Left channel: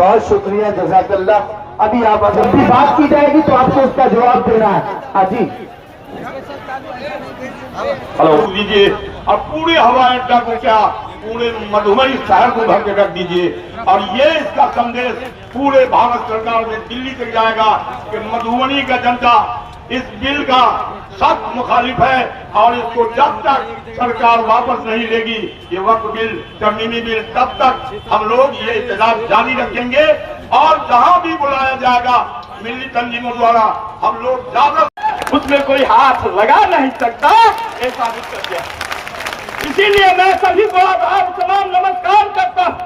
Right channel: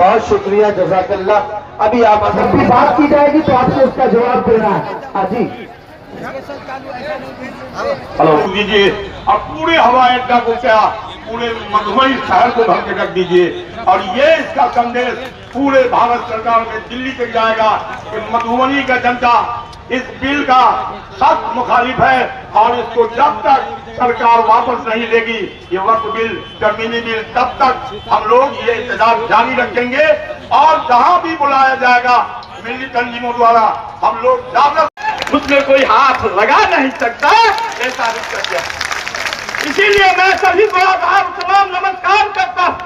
बहुत शुक्रिया, जज़ाकल्लाह। अभी आप अगर भी बात की जाएगी तो आपको उसका जवाब देना है। हाँ जी, हेलो दीजिए। और पूरे हवाई अड्डा को क्या, पूरे मधुबनी शहर को भर के रख दीजिए। और ये इसका संदेश पूरे भारत सरकार में दिल्ली तक जाएगा कि मधुबनी का जनता इस बिल का सख्त मुखालिफ है और इसको जब तक सरकार वापस नहीं लेगी ये वक्फ बिल, तरमीमी बिल, तब तक हम लोग ये इंतजार जारी रखेंगे। और जहां भी बुलाया जाएगा मिली तंजीमों द्वारा हम लोग जाकर उसमें कोई हाथ लगा नहीं सकता, ऐसा निष्कर्ष है। इसीलिए मैं सभी को आभार सलाम नमस्कार करता हूं।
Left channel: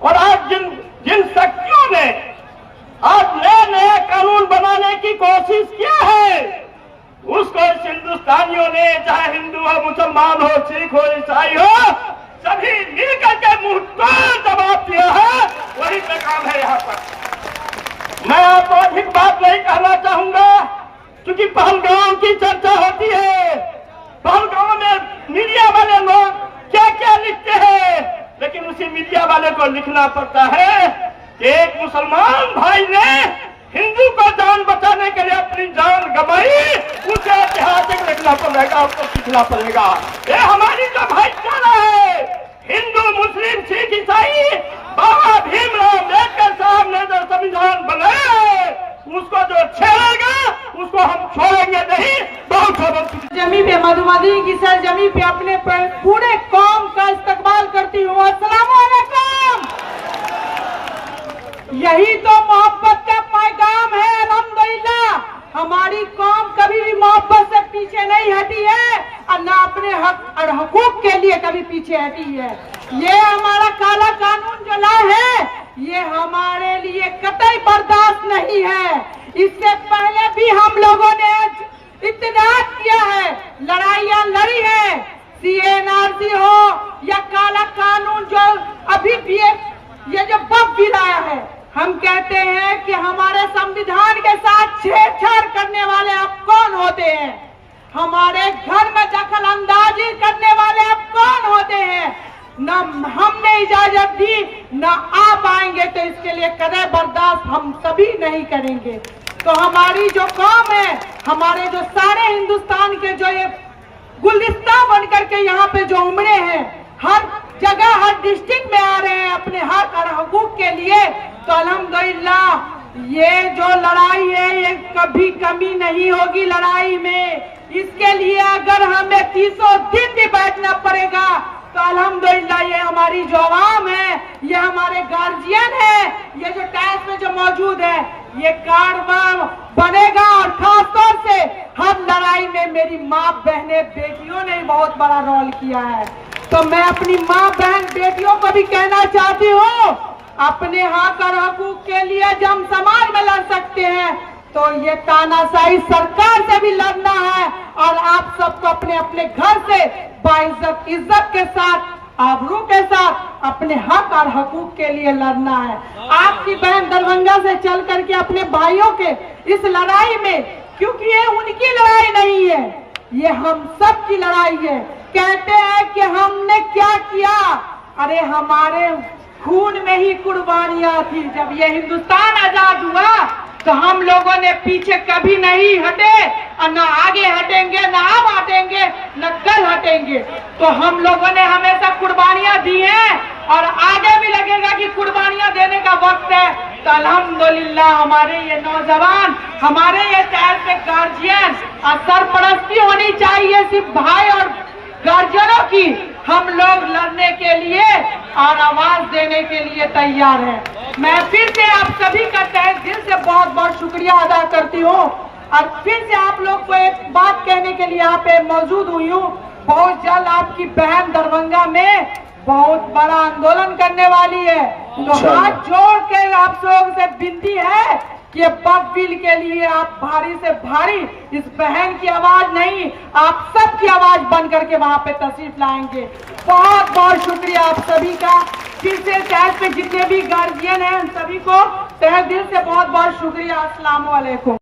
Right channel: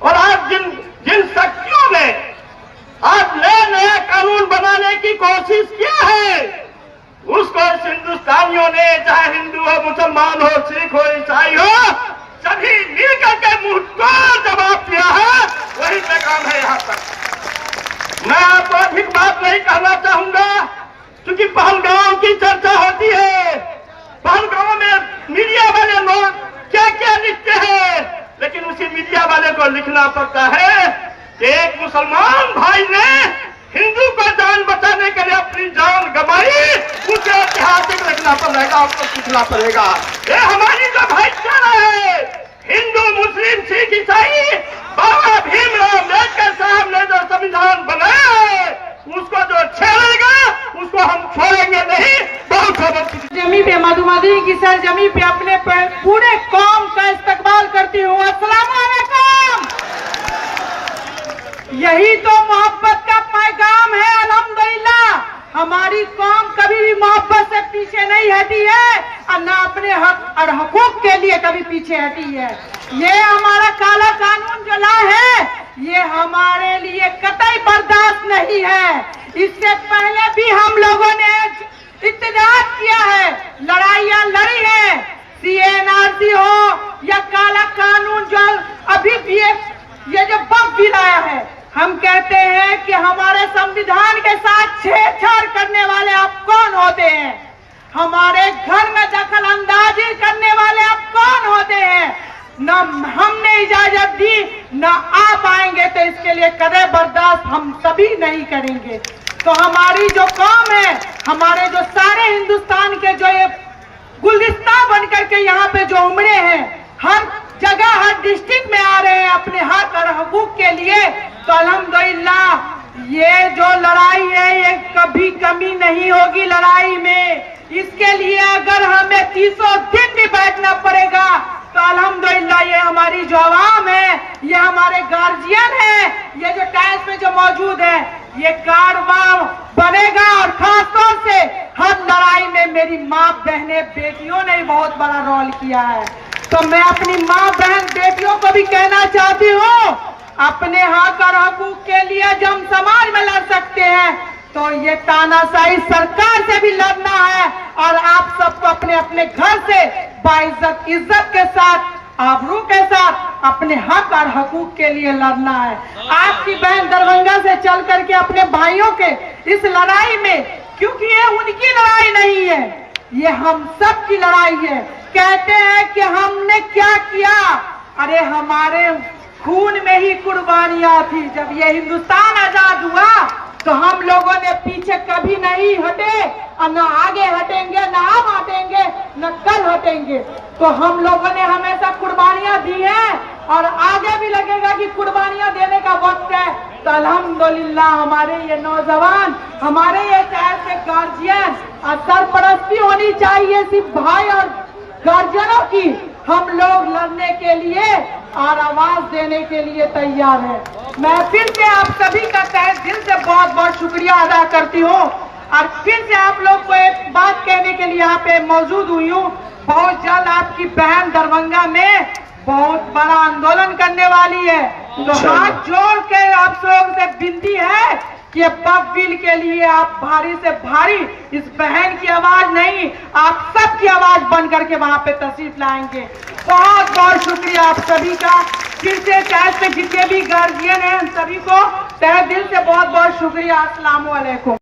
और आज जिन शक्तियों ने आज नए नए कानून बनाने की कोशिश किया है, उसको इस हिंदुस्तानियों ने, चाहे हिंदू हो, मुसलमान हो, सिख हो, ईसाई हो, सभी मिलकर के मुंह तोड़ जवाब दिया है। वही पैगाम है यहाँ पर। मैं आपको अधिक बात नहीं कहना चाहूंगा, क्योंकि पहलगाम की चर्चा होती है। पहलगाम में मीडिया वाले लोग क्या क्या लिखते हैं, लेकिन उसी मीडिया वाले को लिखना पड़ता है कि एक मुसलमान भाई ने हिंदू को जान बचाने के लिए अपनी जान गंवाई, उसे ऐतिहासिक लिखना पड़ेगा, उसको सीखना पड़ेगा। ये हमारी जो भाईचारा है, हिंदू, मुस्लिम, सिख, ईसाई, बाबा भीमराव अम्बेडकर साहब ने जो संविधान बनाया उसको जो छेड़ेगा उसको हम छोड़ेंगे नहीं। बहुत जमी पे मधुमती की सरजमी पे अपने पूरे कौम का इस्तकबाल करती हूँ। अस्सलाम वालेकुम। यही तो मोहब्बत का पैगाम है। अल्हम्दुलिल्लाह हमारी कौम कभी भी मोहब्बत से पीछे नहीं हटी है और न अपने हक और हकूक के लिए कभी पीछे हटी है। ये हमारा काला कानून जो लाए है ये हमारे लिए कतई बर्दाश्त नहीं है। इससे पहले भी हम लोगों ने इत्तेजाज किया है, लड़ाइयां लड़ी है, CNRC हो या काला कानून जो अभी भी ये जो वक्फ बिल आया है, हम कहते हैं कि हमारे संविधान के साथ छेड़छाड़ करने वाले आप कौन होते हैं? हमारे घर में दखल अंदाजी करने वाले आप कौन होते हैं? न हमने इजाजत दी, न आप आएंगे तो इसके लिए कदे बर्दाश्त हम सभी नहीं करेंगे। तो हमारी जो कौम है, हमारे जो सारे हिंदुस्तान के जो ये गुलदस्ता बनकर के यहाँ पे जो उमड़े हैं, हर जगह हर डिस्ट्रिक्ट में आ रहे हैं अपने हक और हकूक के लिए, तो अल्हम्दुलिल्लाह ये जो लड़ाई है ये कभी कमी नहीं होगी लड़ाई में। इसके लिए अगर हमें 300 दिन भी बैठना पड़ेगा तो अल्हम्दुलिल्लाह ये हमारी जो आवाम है, ये हमारे गार्जियन है, ये जो टाइल्स में जो मौजूद है, ये कारवां बनेगा। और खास तौर से हर लड़ाई में मेरी माँ बहनें बेटियों ने बहुत बड़ा रोल किया है। तो मैं अपनी माँ बहन बेटियों को भी कहना चाहती हूँ, अपने हक और हकूक के लिए जब हम समाज में लड़ सकते हैं तो ये तानाशाही सरकार से भी लड़ना है। और आप सबको अपने अपने घर से बाइज्जत इज्जत के साथ, आबरू के साथ अपने हक और हकूक के लिए लड़ना है। आपकी बहन दरभंगा से चल करके अपने भाइयों के इस लड़ाई में, क्योंकि ये उनकी लड़ाई नहीं है, ये हम सब की लड़ाई है। कहते हैं कि हमने क्या किया, अरे हमारे खून में ही कुर्बानियां थी। जब ये हिंदुस्तान आजाद हुआ तो हम लोगों ने पीछे कभी नहीं हटे और न आगे हटेंगे, न अब हटेंगे, न कल हटेंगे। तो हम लोगों ने हमेशा कुर्बानियां दी हैं और आगे भी लगेगा कि कुर्बानियां देने का वक्त है। तो अल्हम्दुलिल्लाह हमारे ये नौजवान, हमारे ये शहर के गार्जियन और सरपरस्ती होनी चाहिए सिर्फ भाई और गार्जियनों की। हम लोग लड़ने के लिए और आवाज देने के लिए तैयार हैं। मैं फिर से आप सभी का तहे दिल से बहुत बहुत शुक्रिया अदा करती हूँ और फिर से आप लोग को एक बात कहने के लिए यहाँ पे मौजूद हुई हूँ। बहुत जल्द आपकी बहन दरभंगा में बहुत बड़ा आंदोलन करने वाली है। तो हाथ जोड़ के आप लोगों से विनती है कि वक्फ बिल के लिए आप भारी से भारी इस बहन की आवाज नहीं, आप सबकी आवाज बन करके वहां पे तशरीफ लाएंगे। बहुत बहुत शुक्रिया आप सभी का। फिर से टैग पे जितने भी गार्जियन हैं सभी को तहे दिल से बहुत बहुत शुक्रिया। अस्सलाम वालेकुम।